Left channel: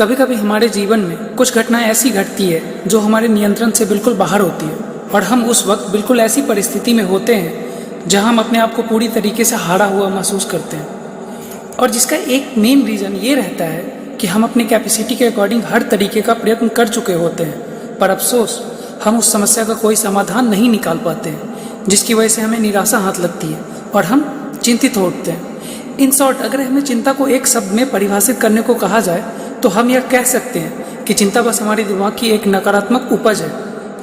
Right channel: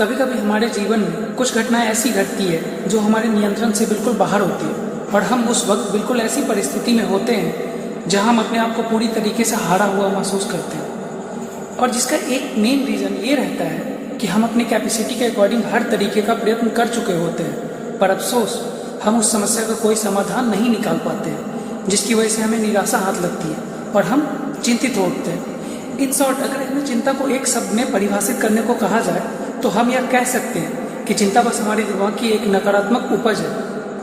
कभी कभी हमारे जीवन में कुछ घटनाएं ऐसी घटती है जो हमारे नियंत्रण से बिल्कुल बाहर होती है और हम उस वक्त बिल्कुल ऐसी परिस्थिति में होते हैं जहां हम अपने आप को पूरी तरीके से हारा हुआ महसूस करते हैं। और जिसका एक मेन रीज़न ये रहता है कि हम अपनी कैपेसिटी के अकॉर्डिंग हर तरीके का प्रयत्न कर चुके होते हैं, पर अफसोस हम उस समस्या का कोई समाधान नहीं निकाल पाते हैं, जिसकी वजह से हमें निराशा हाथ लगती है और हम चिंतित हो उठते हैं। इन शॉर्ट, अगर हमें चिंता को एक शब्द में परिभाषित करने को कहा जाए तो हम यह कह सकते हैं कि चिंता बस हमारे दिमाग की एक नकारात्मक उपज है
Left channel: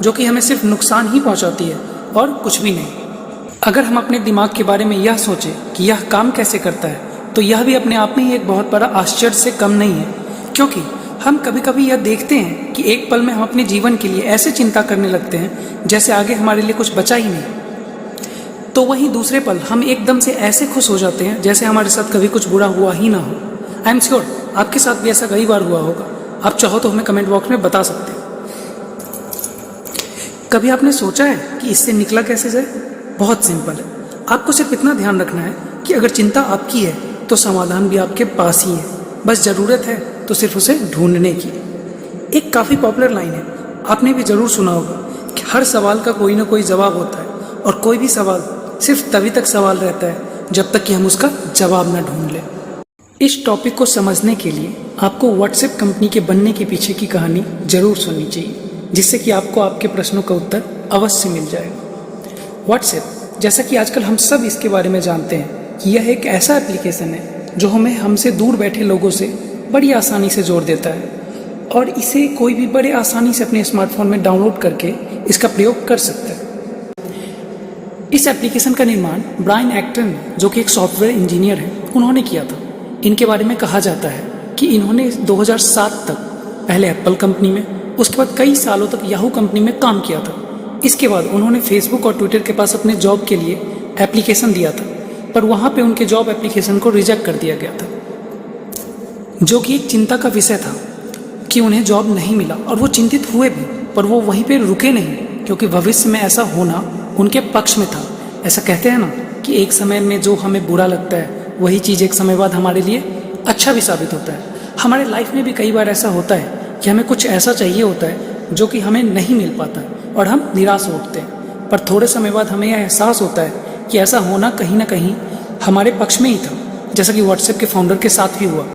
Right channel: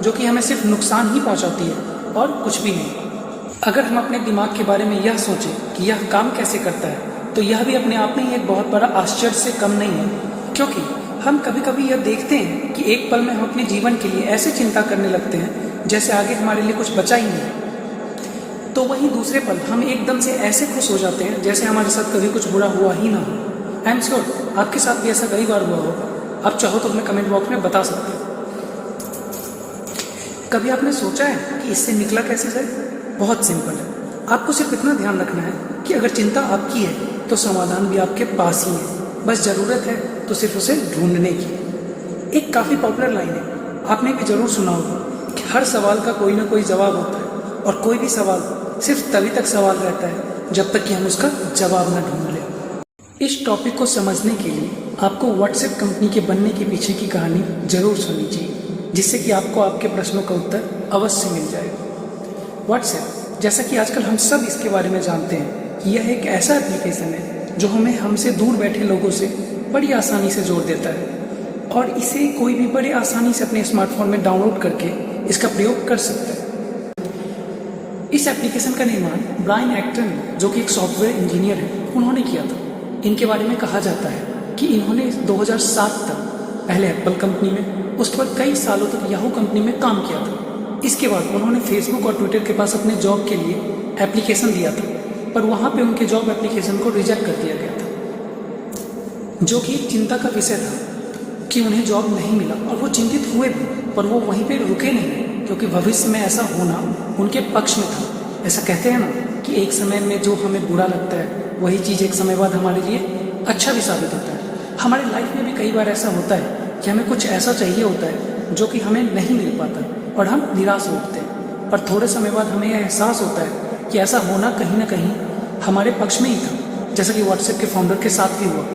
जो कि हमें सिर्फ नुकसान ही पहुंचाती है और कुछ भी नहीं। अगर हम अपने दिमाग के बारे में यह सोचें कि यह काम कैसे करता है तो यह भी अपने आप में ही एक बहुत बड़ा आश्चर्य से कम नहीं है, क्योंकि हम कभी कभी यह देखते हैं कि एक पल में हम अपने जीवन के लिए ऐसे चिंता करने लगते हैं जैसे आगे हमारे लिए कुछ बचा ही नहीं, तो वहीं दूसरे पल हम एकदम से ऐसे खुश हो जाते हैं जैसे हमारे साथ कभी कुछ बुरा हुआ ही ना हो। आई एम श्योर आपके साथ भी ऐसा कई बार हुआ होगा। आप चाहो तो हमें कमेंट बॉक्स में बता सकते हैं। कभी आपने सोचा है कि इससे निकला कैसे जाए? बहुत सिंपल है। आपको सिर्फ इतना ध्यान रखना है कि अगर चिंता आपकी है तो समाधान भी आपके पास ही है, बस ज़रूरत है तो सिर्फ उसे ढूंढने की। एक काफ़ी पॉपुलर लाइन है, आपने भी ज़रूर सुना होगा कि हर सवाल का कोई ना कोई जवाब होता है और कोई भी सवाल सिर्फ तभी तक सवाल रहता है जब तक कि हम उसका जवाब ना ढूंढ लें। इस टॉपिक को समझने के लिए आपको व्हाट्सएप कंपनी के बनने के पीछे की कहानी जरूर सुननी चाहिए, जिससे कि आपको आपके प्रश्नों का उत्तर अवश्य मिल जाएगा। व्हाट्सएप, जैसा कि आजकल हम सब इसके बारे में जानते हैं कि यह एक ऐसा एप्लीकेशन है जो हमें हमसे दूर बैठे लोगों से बड़ी आसानी से जोड़ देता है और इसे कोई भी बड़े आसानी से अपने स्मार्टफोन में डाउनलोड करके इसका प्रयोग कर सकता है। इस एप्लीकेशन का निर्माण ब्रायन एक्टन, जो कि एक सॉफ्टवेयर इंजीनियर है, उन्होंने किया था। इनके बारे में कहा जाता है कि इन्होंने 2007 तक पहले एप्पल कंपनी में, उसके बाद कई सालों तक याहू कंपनी में काम किया था। इसके बाद उन्होंने फेसबुक और ट्विटर के पास अपने जॉब के लिए एप्लीकेशन दिया था, पर वहाँ पे उनके जॉब एप्लीकेशन को रिजेक्ट कर दिया गया था, जो कि एक चिंता का विषय था कि उन्हें जॉब नहीं मिला। और वो चिंतित हुए भी, पर वो वहीं पर रुके नहीं, क्योंकि भविष्य में ऐसा होना उनके पक्ष में था। ऐसा कहते हैं ना कि एक समय में जो हमें बुरा लगता है वही चीज़ एक समय बाद हमारे लिए अच्छा भी साबित होता है। हमारे लाइफ में भी कई बार ऐसा होता है कि हमें कुछ ऐसा चाहिए होता है जो कि हमें नहीं मिल पाता और हम निराश हो उठते हैं, पर थोड़े समय बाद हमें यह एहसास होता है कि ऐसा होना कहीं ना कहीं हमारे पक्ष में ही था, जैसा कि व्हाट्सएप के फाउंडर के साथ भी हुआ।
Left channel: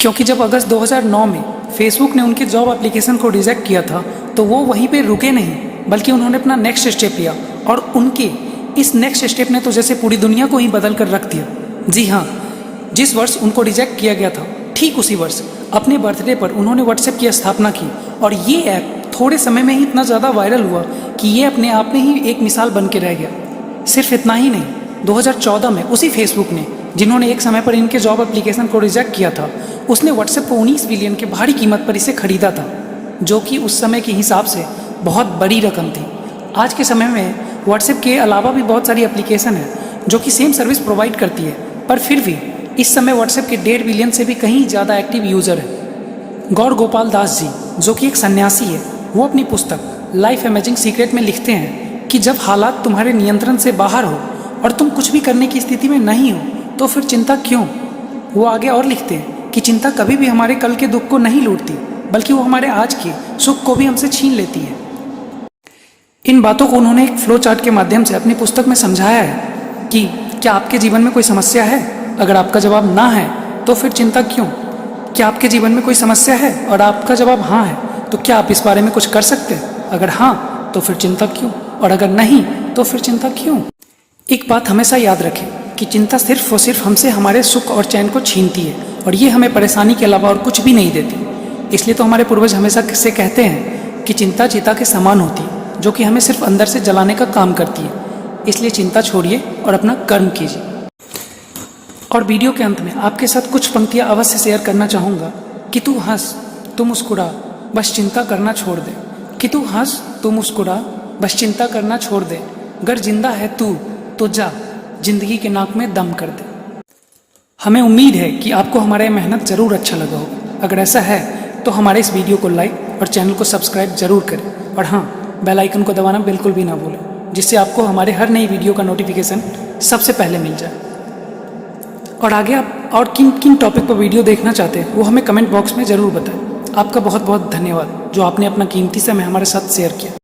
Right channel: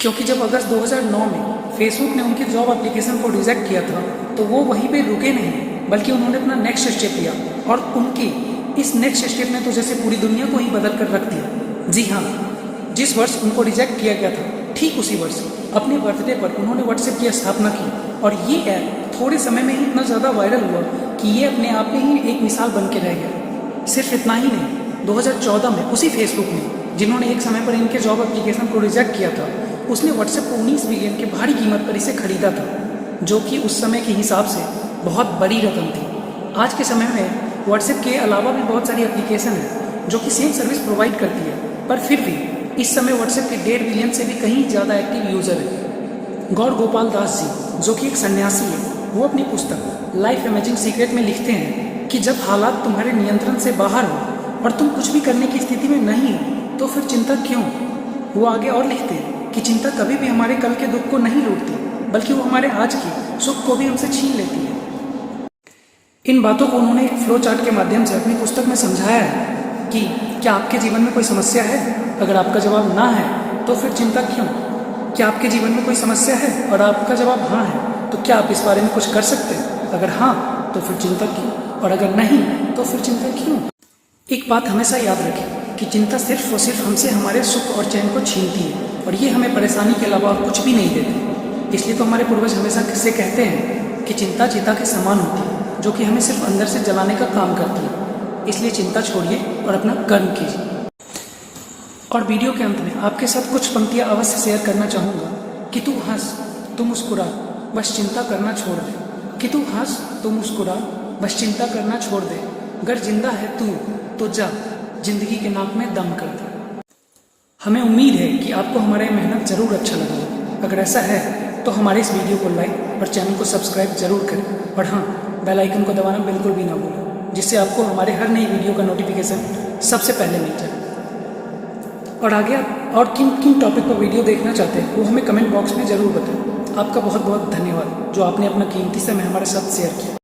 क्योंकि जब अगस्त 2009 में फेसबुक ने उनके जॉब एप्लीकेशन को रिजेक्ट किया था तो वो वहीं पर रुके नहीं, बल्कि उन्होंने अपना नेक्स्ट स्टेप लिया और उनके इस नेक्स्ट स्टेप ने तो जैसे पूरी दुनिया को ही बदल कर रख दिया। जी हाँ, जिस वर्ष उनको रिजेक्ट किया गया था ठीक उसी वर्ष अपने बर्थडे पर उन्होंने व्हाट्सएप की स्थापना की और ये ऐप थोड़े समय में ही इतना ज़्यादा वायरल हुआ कि ये अपने आप में ही एक मिसाल बन के रह गया। सिर्फ इतना ही नहीं, 2014 में उसी फेसबुक ने, जिन्होंने एक समय पर इनके जॉब एप्लीकेशन को रिजेक्ट किया था, उसने व्हाट्सएप को 19 बिलियन के भारी कीमत पर इसे खरीदा था, जो कि उस समय के हिसाब से बहुत बड़ी रकम थी। आज के समय में व्हाट्सएप के अलावा भी बहुत सारी एप्लीकेशन है जो कि सेम सर्विस प्रोवाइड करती है, पर फिर भी इस समय व्हाट्सएप के 1.5 बिलियन से भी कहीं ज़्यादा एक्टिव यूज़र है। गौर गोपाल दास जी, जो कि एक सन्यासी है, वो अपनी पुस्तक लाइफ अमेजिंग सीक्रेट में लिखते हैं कि जब हालात तुम्हारे नियंत्रण से बाहर हो और तुम कुछ भी करने की स्थिति में नहीं हो तो फिर चिंता क्यों। वो आगे और लिखते हैं कि चिंता कभी भी हमारे कल के दुख को नहीं लूटती, बल्कि वो हमारे आज के सुख को भी हमसे छीन लेती है। इन बातों को उन्होंने एक फ्लो चार्ट के माध्यम से अपनी पुस्तक में समझाया है कि क्या आपके जीवन में कोई समस्या है? अगर आपका जवाब ना है तो फिर चिंता क्यों? क्या आपके जीवन में कोई समस्या है और आपका जवाब हाँ है तो क्या आप इस बारे में कुछ कर सकते हैं? अगर हाँ तो फिर चिंता क्यों, और अगर नहीं तो फिर चिंता क्यों? एक बात हमेशा याद रखें कि चिंता सिर्फ और सिर्फ हमसे हमारे सुख और चैन को छीनती है और ये हमें परेशानी के अलावा और कुछ भी नहीं देती। इसलिए तो हमारे पूर्वज हमेशा से कहते हैं कि चिंता चिता के समान होती है, जो कि हमें सिर्फ अंदर से जलाने का काम करती है। इसलिए चिंता छोड़िए और अपना कर्म कीजिए। और वीडियो के अंत में आपके साथ कुछ पंक्तियाँ अवश्य शेयर करना चाहूँगा कि तू हंस, तू मुस्कुरा, बस चिंता करना छोड़ दे। कि तू हंस, तू मुस्कुरा, बस चिंता करना छोड़ दे। अगर जिंदा है तू तो जा, जिंदगी के नाक में दम कर दे। हमें उम्मीद है कि आपको हमारा मेहनत ज़रूर अच्छा लगा होगा। अगर ऐसा है तो हमारे इस वीडियो को लाइक और चैनल को सब्सक्राइब ज़रूर करें और हाँ, बेल आइकन को दबाना बिल्कुल भी ना भूलें, जिससे आपको हमारे हर नई वीडियो का नोटिफिकेशन सबसे पहले मिल जाए। और आगे आप और किन किन टॉपिक पर वीडियो देखना चाहते हैं वो हमें कमेंट बॉक्स में ज़रूर बताएं। आपका बहुत बहुत धन्यवाद जो आपने अपना कीमती समय हमारे साथ शेयर किया।